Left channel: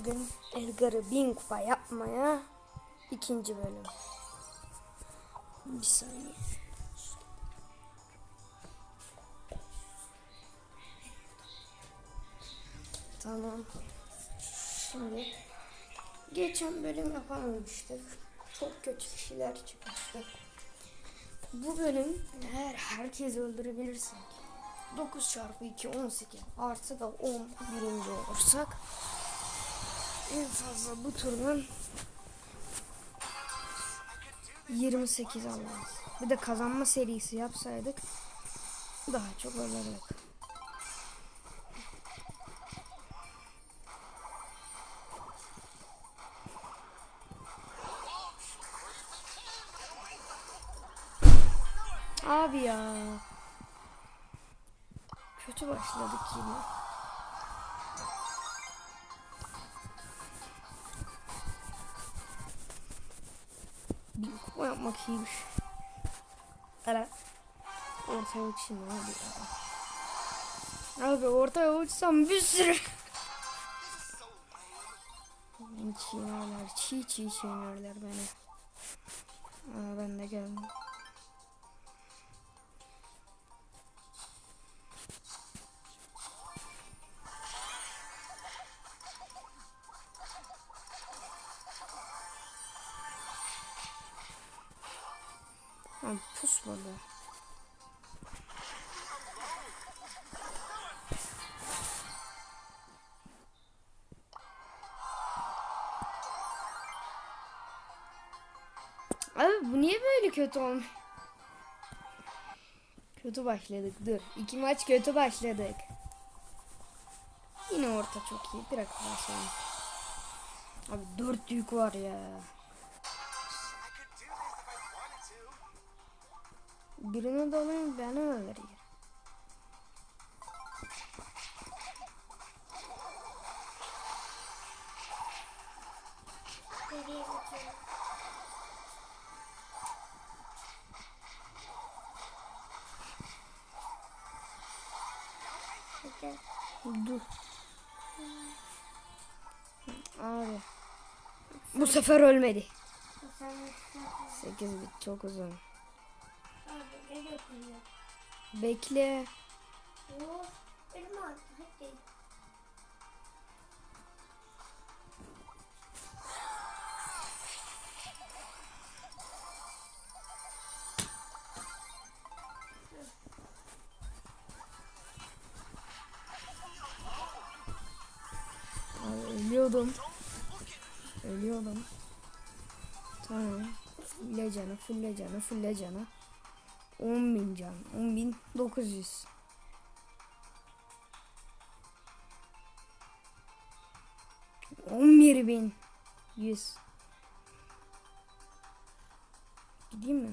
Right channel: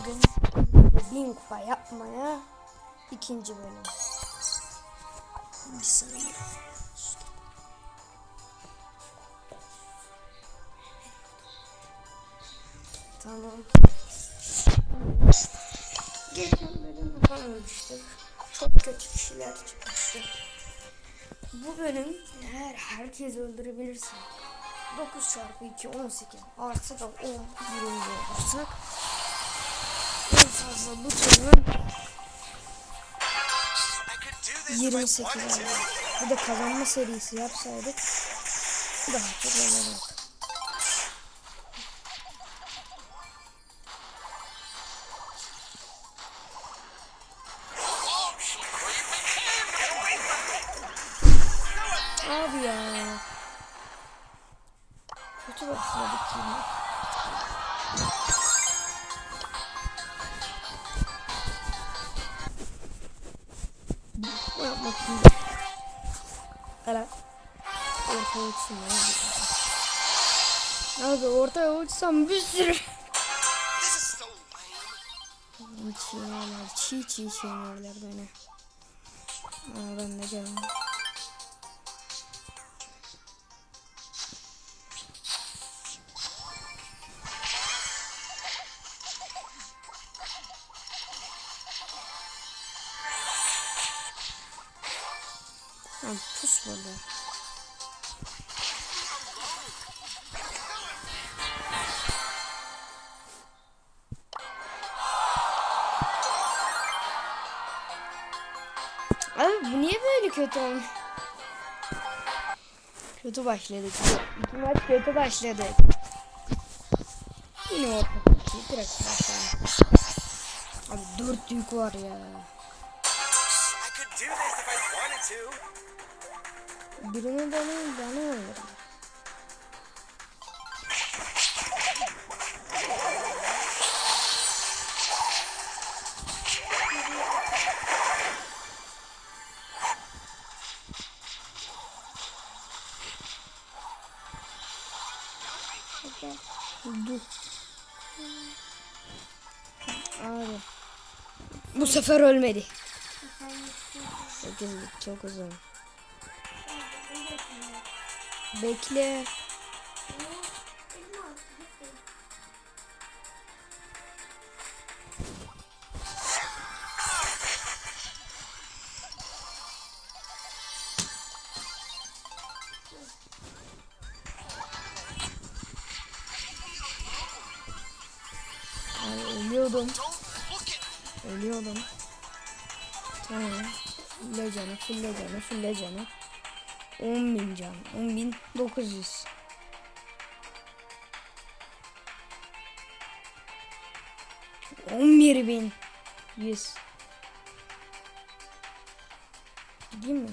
Bugün Edgar'ı bin kupa yapmaya ikinci bölüm. Bir saniye. Tamam. Şimdi geçen bölüm yapamamıştık. Çok kötü kişiler çıkmıştı. Bu bölüm eğer herkes öldürebilirse 9 çarpı 2 18 artı da 10 birinci olursak fazla bu turun 28 alır. Bir de kazanma serisi yapsaydık daha çok alırdık. Abi ya. Kötü başladık yine. Bu yapmak iyi. Hele. Ortaya uçayım ya. Abi ortaya uçsam bir sürü. Çiğnerler. Çiğ çiğ çiğnerler beni. Aa, ben de gelmem. Burada. Abi niye böyle kötü olmuş? Kötü başladık. Bu iki maç kötü başladık. Yine orta iyi. Direkt başlayalım. Abi dört yük var ya. Birini de alayım beni öldürür. Dur. Abi. Bu sefer ölmedi. 8 çok uzun. Bekle. Ölüyordum. Ölüyordum. Tamam. Fulle canı, fulle canı, fulle canı. 10 bin can. 10 bin 900. On bir bin. Yüz. Gideyim mi?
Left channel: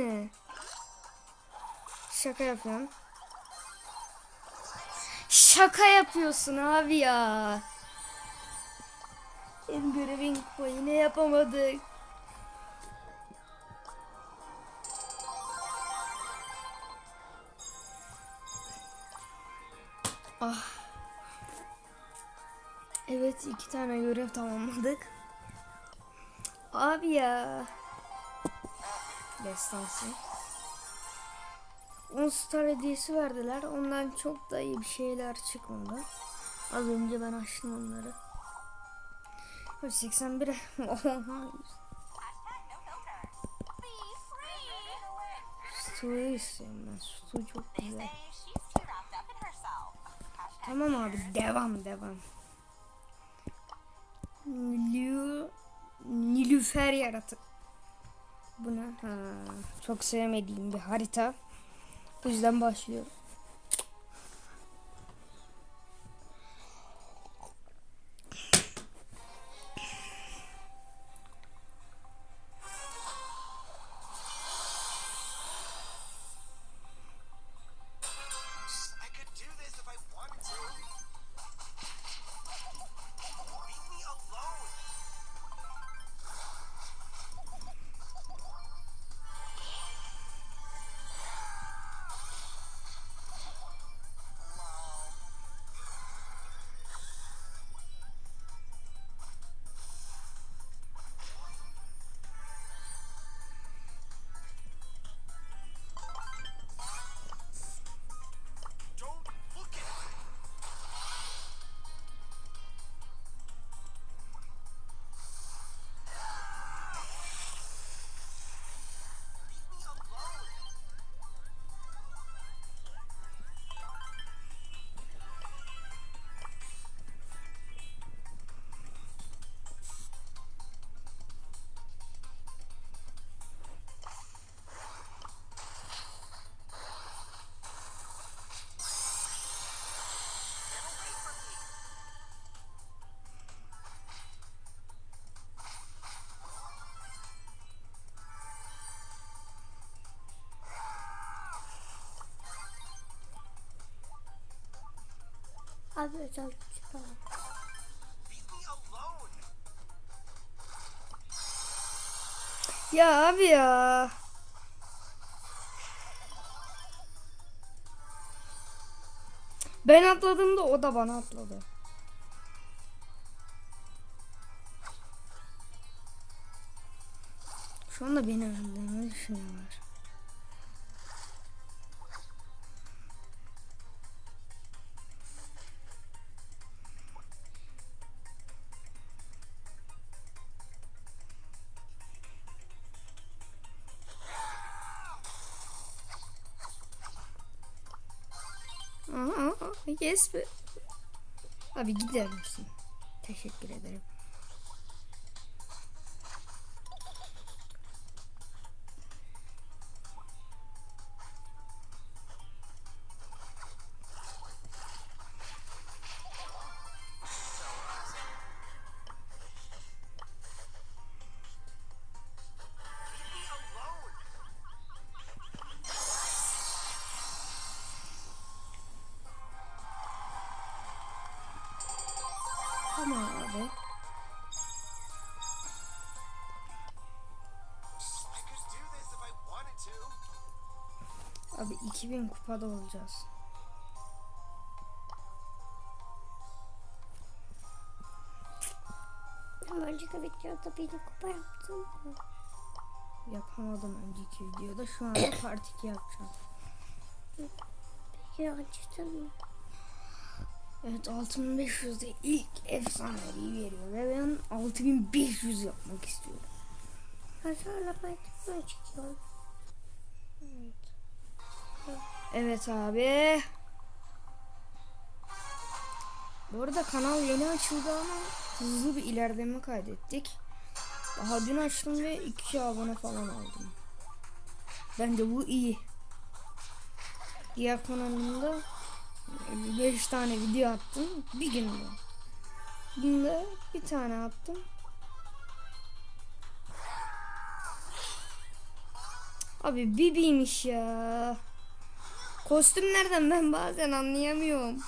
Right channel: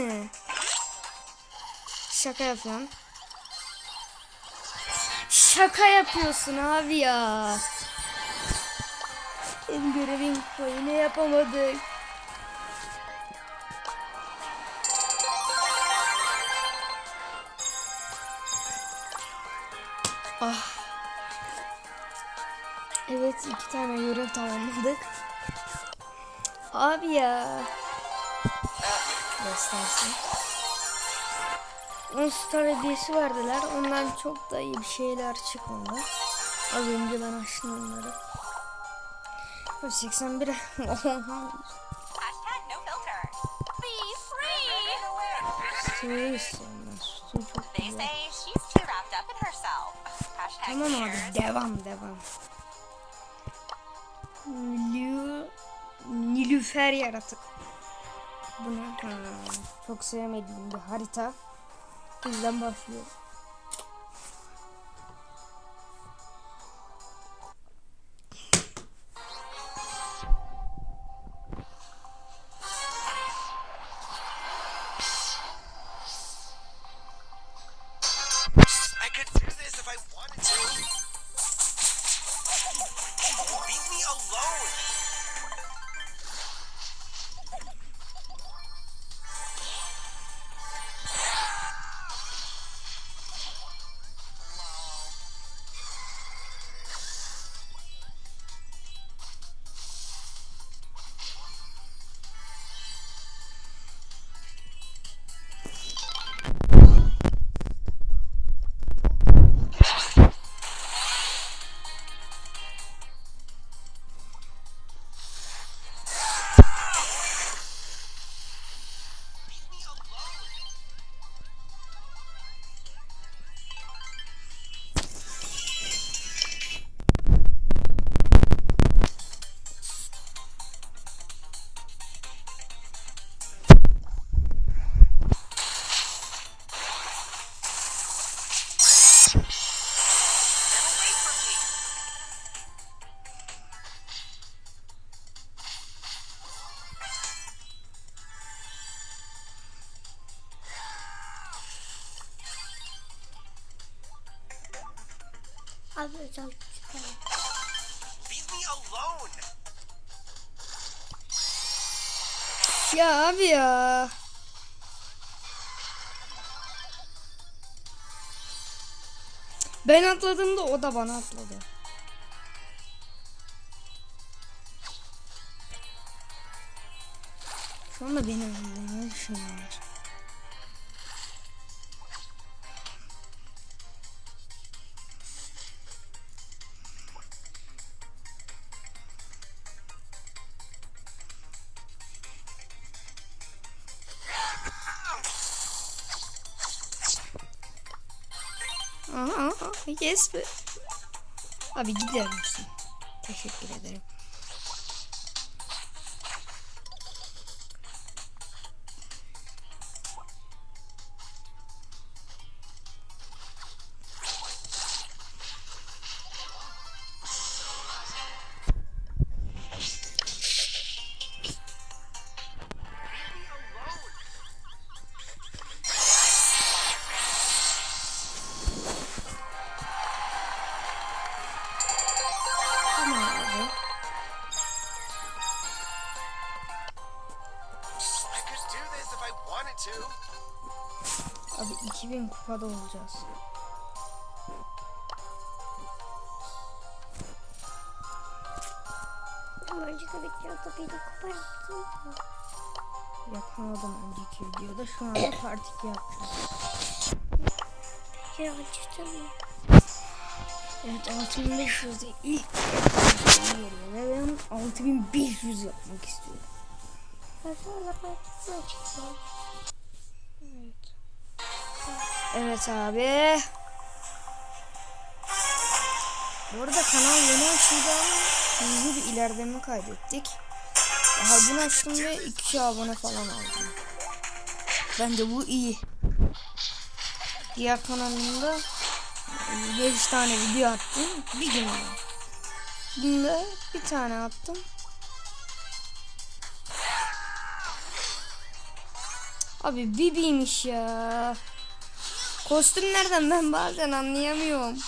Mi? Şaka yapıyorsun. Şaka yapıyorsun abi ya. En görevin kupayı ne yapamadık. Ah. Evet iki tane görev tamamladık. Abi ya. Destansı. 10 star hediyesi verdiler. Ondan çok da iyi bir şeyler çıkmadı. Az önce ben açtım onları. Abi 81 Oha. Hashtag no filter. Be free. Suyu istiyorum. Su çok güzel. Tamam abi devam devam. Nilü... Nilüfer yaratık. Bu ne? Ha, çok sevmediğim bir harita. Bu yüzden Abi özel. Ya abi ya. Ben atladığımda o da bana atladı. Şu anda beni öldürmeyi düşünüyorlar. Abi gider misin? Teşekkür ederim. 2000 kupada olacağız. Önceki videoda beni koparttın. Yapamadım önceki videoda. Şu anda part 2 yapacağım. Ya acıdım. Evet 6500'de ilk efsaneyi geliyor ve ben 6500 yapmak istiyorum. Ben sana partikle çıkacağım. Evet. Evet abi. Bu arada kanal yeni açıldı ama hızlı bir ilerleme kaydettik. Daha dün açtım ve 2 abone falan aldım. Bence bu iyi. Diğer kanalımda 5 tane video attım bir günde. Bunda bir tane attım. Abi bibiymiş ya. Kostüm nereden ben bazen anlayamıyorum.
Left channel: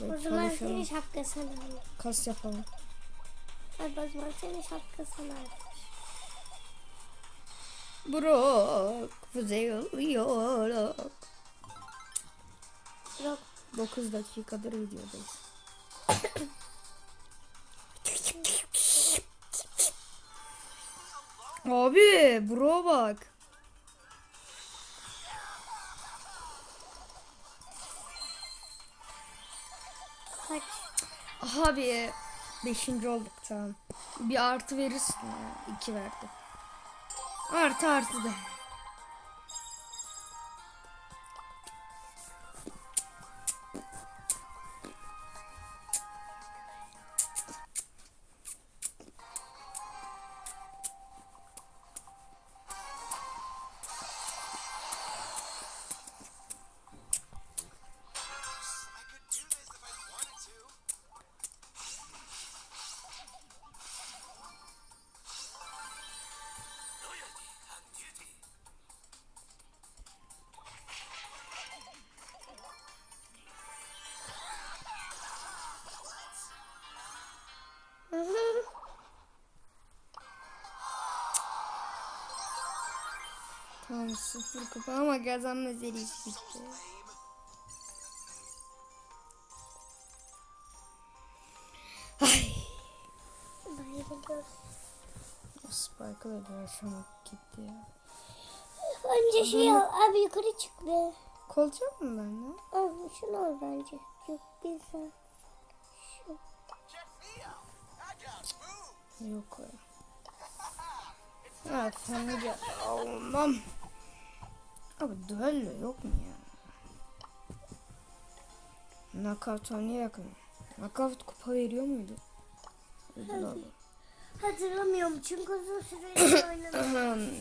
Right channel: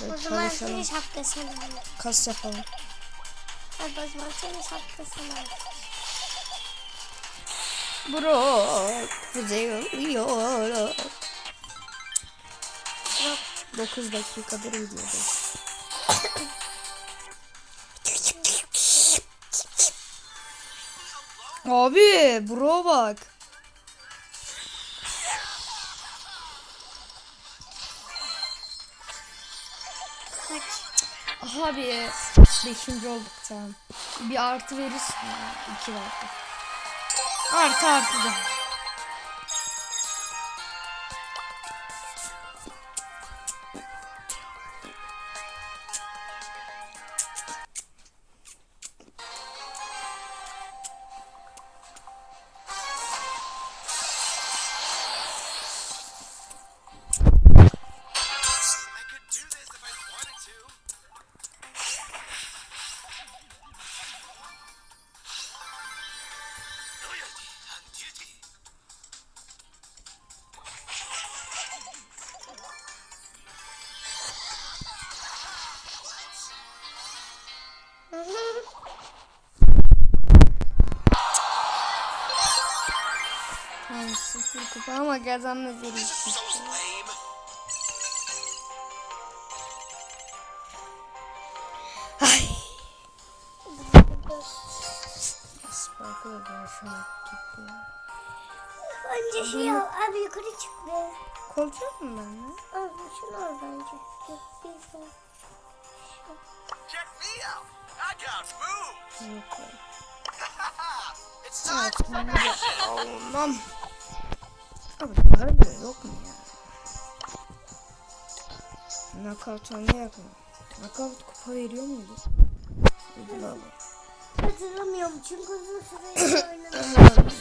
O Evet, zaman çalışalım. seni şapkasını al. Kas yapalım. O zaman seni şapkasını al. Bro, kuzey oluyor. Bak 9 dakikadır videodayız. Abi bro bak. Abi 5. olduk tamam. Bir artı verirsin ya. 2 verdi. Artı artı da. Ama kazanma So bitti. lame. Ay. Böyle sana gitti ya. Önce şey al. Abi yukarı çık be. Koltuğum mu ben de? Abi şunu al bence. Yok bir sen. Moves. Yok öyle. Abi böyle yok mu ya? Knockout oynayak mı? Knockout kupa veriyor muydu? Ödül. Hatırlamıyorum çünkü uzun süre oynadım.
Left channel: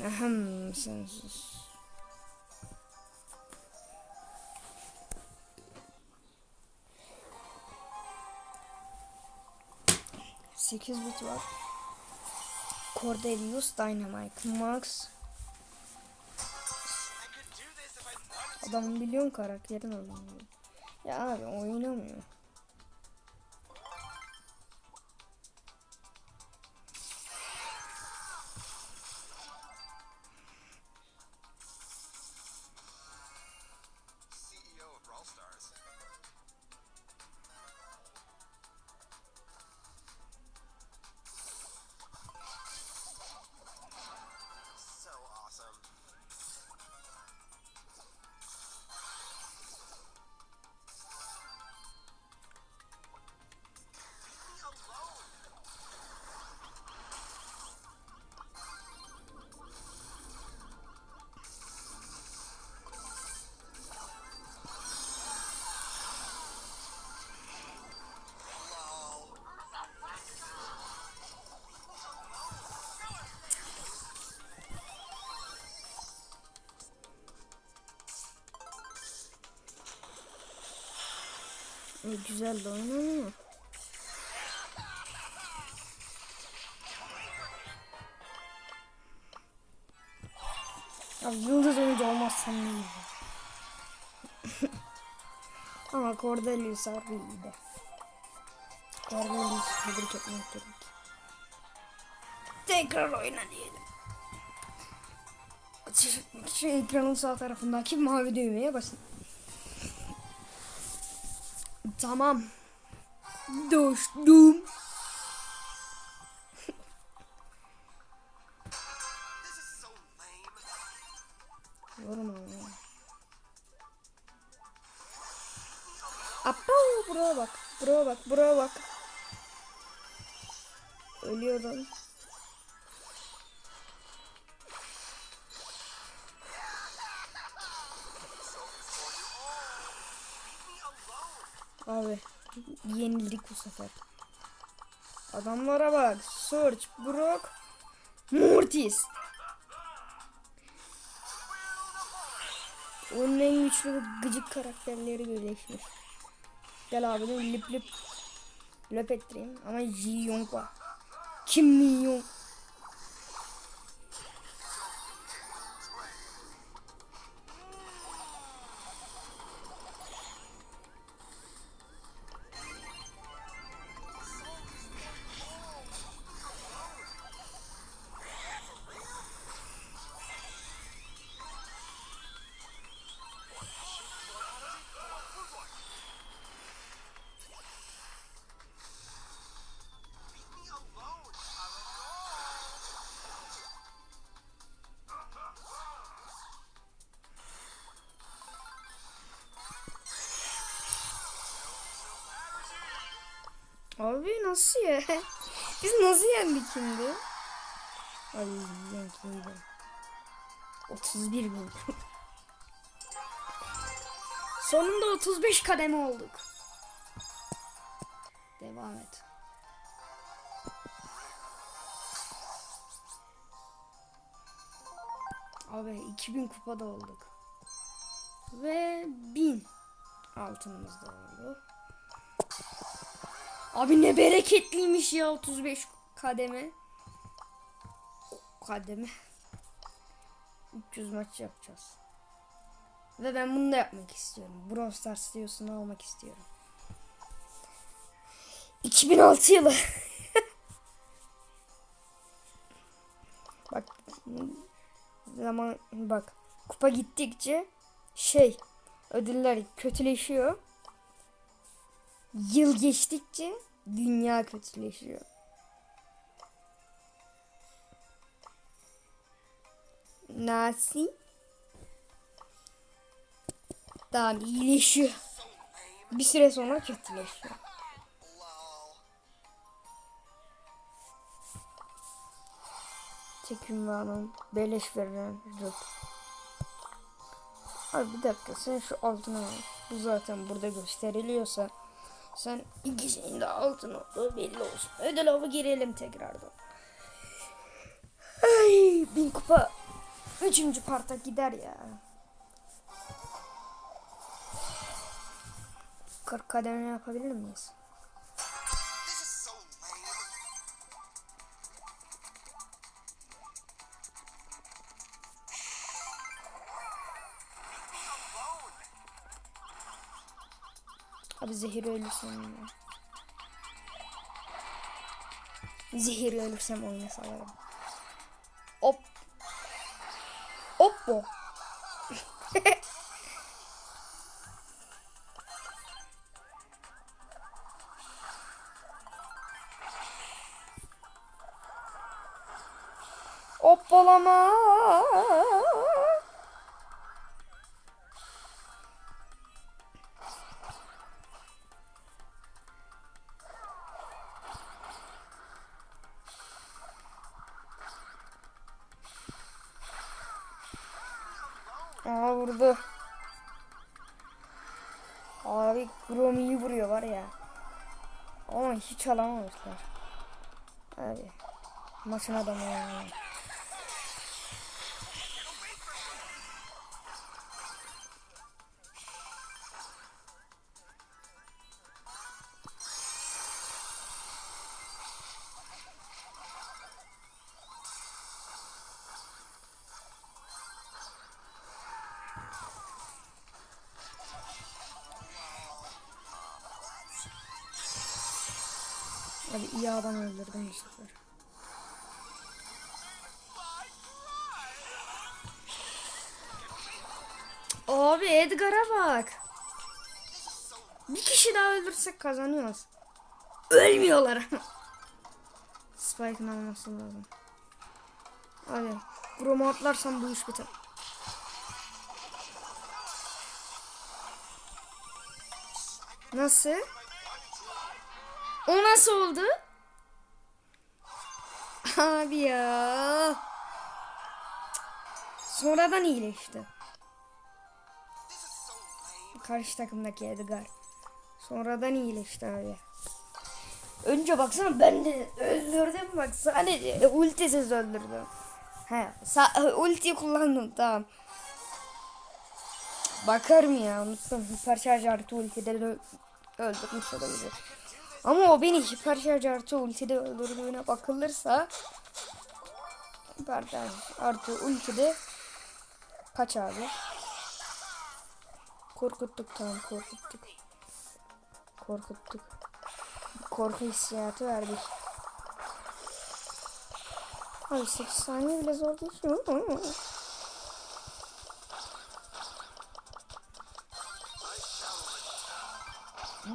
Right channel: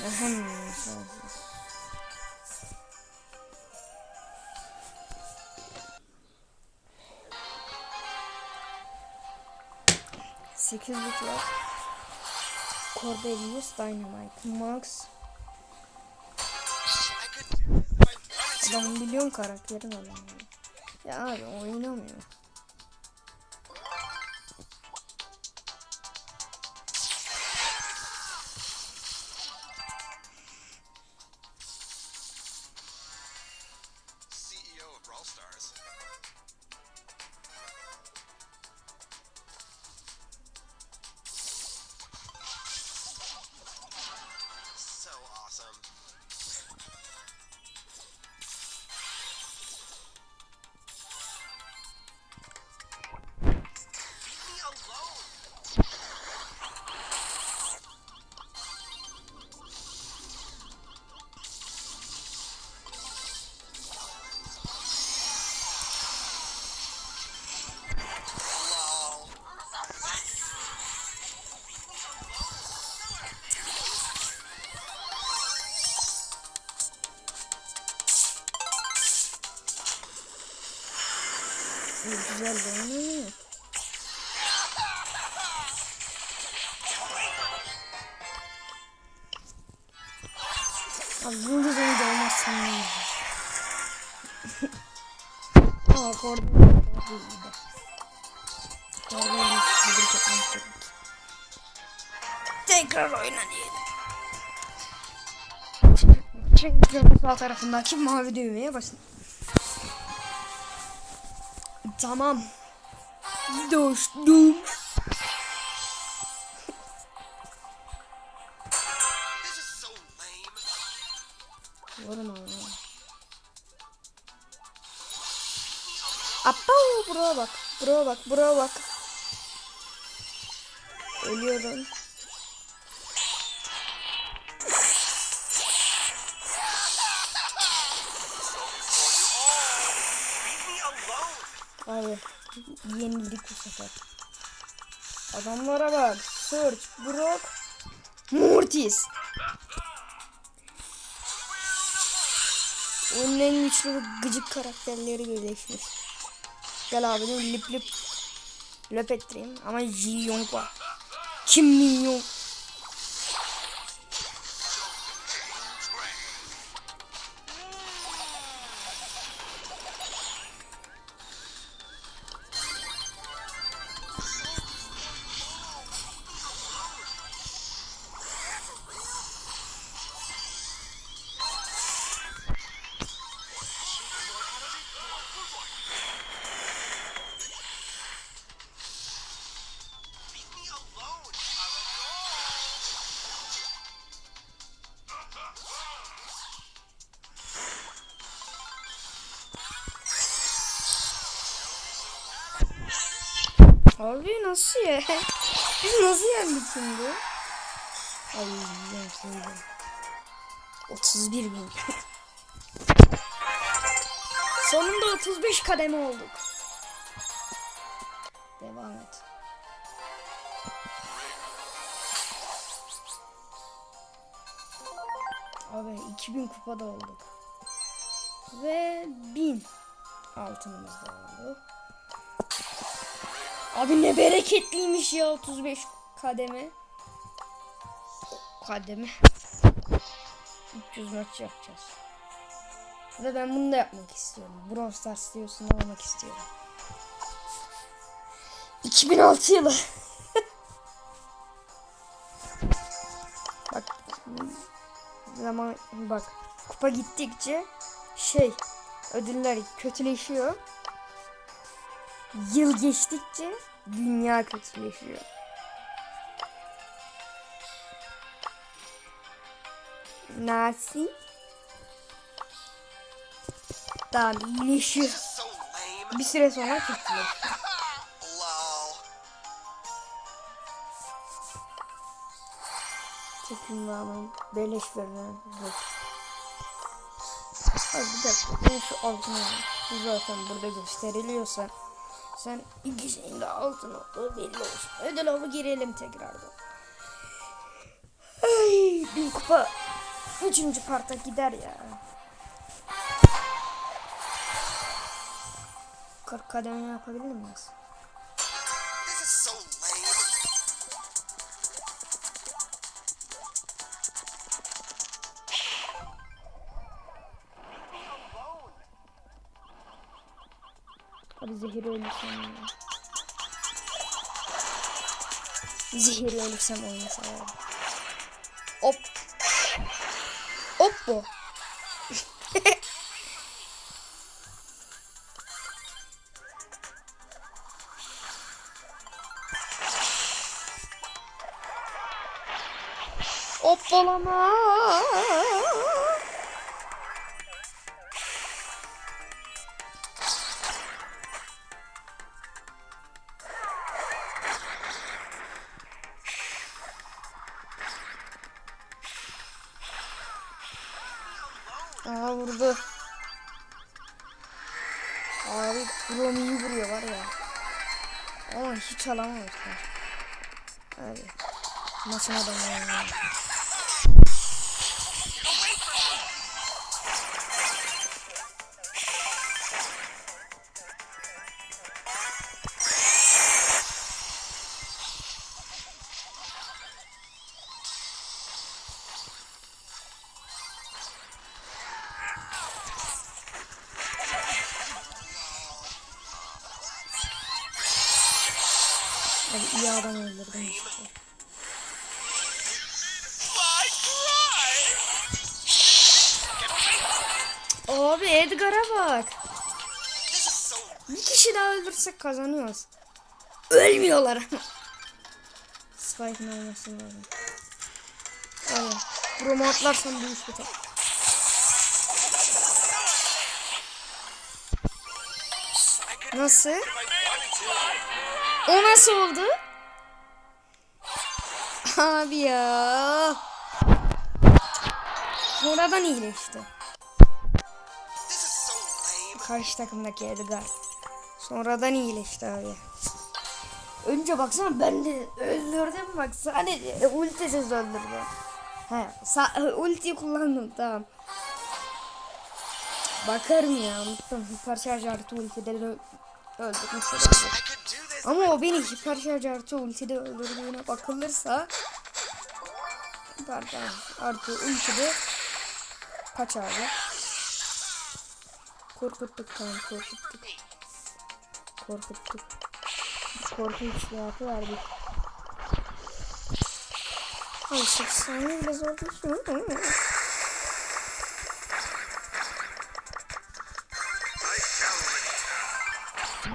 Ahem sensiz. Sekiz bit var. Cordelius Dynamite Max Ben biliyorum karakterin adamı. Ya abi oynamıyor. Güzel de oynanıyor. Abi yıldız oyuncu olmazsam ne iyi. Ama orada yoksa bir iyi de. Darbeyi tebrik etmek gerek. Tekrar oyna diyelim. Şu ekranın sağ tarafındaki mavi düğmeye basın. Tamam. Dostum. Vurma ama. Appa buraya bak. Buraya bak. Buraya bak. Ölüyorum. Abi yenildik bu sefer. Adamlara bak. Search, Brock, Mortis. Oyunun en güçlü ve gıcık karakterleri birleşmiş. Gel abi değil mi? Lip lip löp ettireyim. Ama Ji Young var. Kim Min Young. Abi nasıl ya? Biz nasıl yendik şimdi? Ay yendik 31 bin. Sonunda 35 kademe olduk. Devam et. Abi 2000 kupada olduk. Ve 1000 altınımız da oldu. Abi ne bereketliymiş ya 35 kademe. Kademe. 300 maç yapacağız. Ve ben bunu da yapmak istiyorum. Brawl Stars diyorsun almak istiyorum. 2006 yılı. bak zaman bak kupa gittikçe şey ödüller kötüleşiyor. Yıl geçtikçe dünya kötüleşiyor. Nasıl? Daha iyileşiyor. Bir süre sonra kötüleşiyor. Çekim bağlam. Beleş verilen rık. Abi bir dakika sen şu altına al. Bu zaten burada gösteriliyorsa sen ikisinin de altın olduğu belli olsun. Ödül avı girelim tekrardan. Ay bin kupa üçüncü parta gider ya. 40 kademe yapabilir miyiz? Zehir ölürsem ya. Zehir ölürsem oyunu salarım. Hop. Hop bu. Hoppalama. Aa vurdu. Abi Grom iyi vuruyor var ya. Ama hiç alamamışlar. Abi. Maçın adamı yani. Adam öldürdüm sefer. Abi Edgar'a bak. Bir kişi daha öldürsek kazanıyoruz. Ölmüyorlar ama. Spike'ın alması lazım. Abi. Bromo atlarsam bu iş biter. Nasıl? O nasıl oldu? Abi ya. Sonradan iyileşti. Karşı takımdaki Edgar. Sonradan iyileşti abi. Önce baksana ben de öldürdüm bak sadece ultisiz öldürdüm. He, sa- ulti kullandım tamam. Bakarım ya unuttum. Hiper şarj artı ultide de öldürmüş olabilir. Ama o beni hiper şarj artı ultide öldürdüğüne bakılırsa hiper artı ultide kaç abi? Korkuttuk tamam korkuttuk. Korkuttuk. Korku hissiyatı verdik. Abi 8 saniye bile zor değil.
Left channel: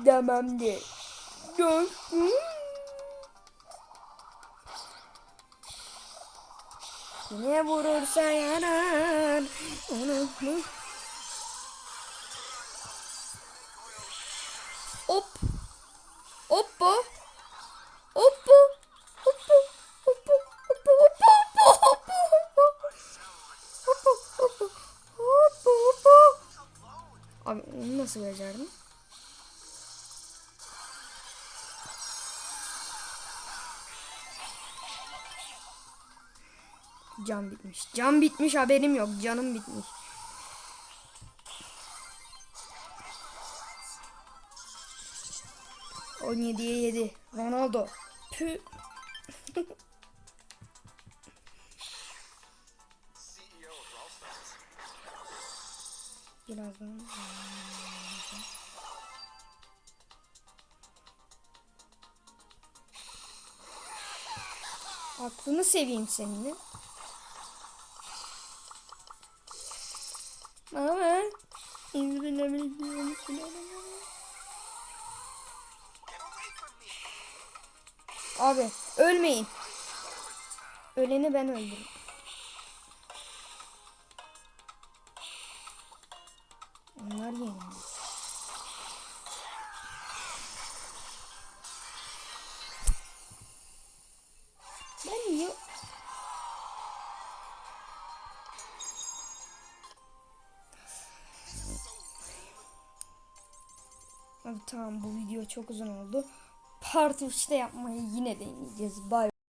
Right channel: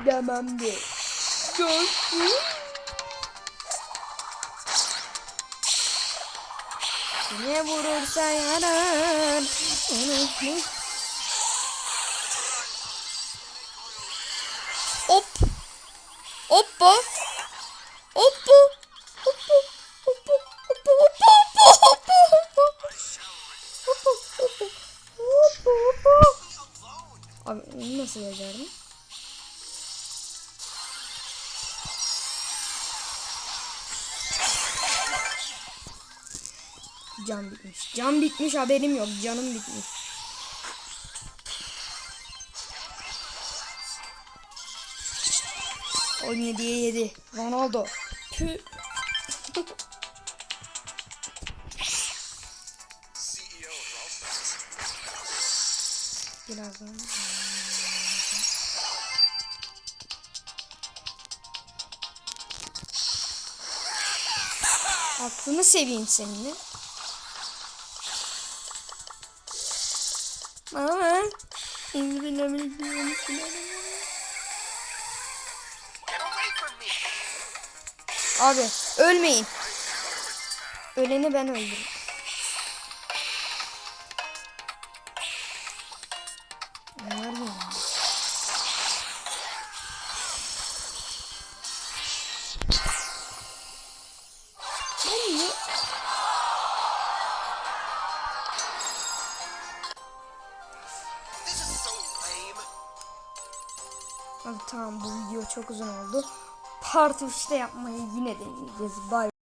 Demem de. Dostum. Ne vurursa yarar. Unutma. Hop. Hoppa. Hoppa. Hoppa. Hoppa. Hoppa. Hoppa. Hoppa. Hoppa. Hoppa. Abi onu nasıl becerdin? Can bitmiş. Can bitmiş haberim yok. Canım bitmiş. On yediye yedi. Ronaldo. Rolf Birazdan. Aklını seveyim seninle. ben. Abi ölmeyin. Öleni ben öldürürüm. Çok uzun oldu. Part 3'te yapmayı yine deneyeceğiz. Bye.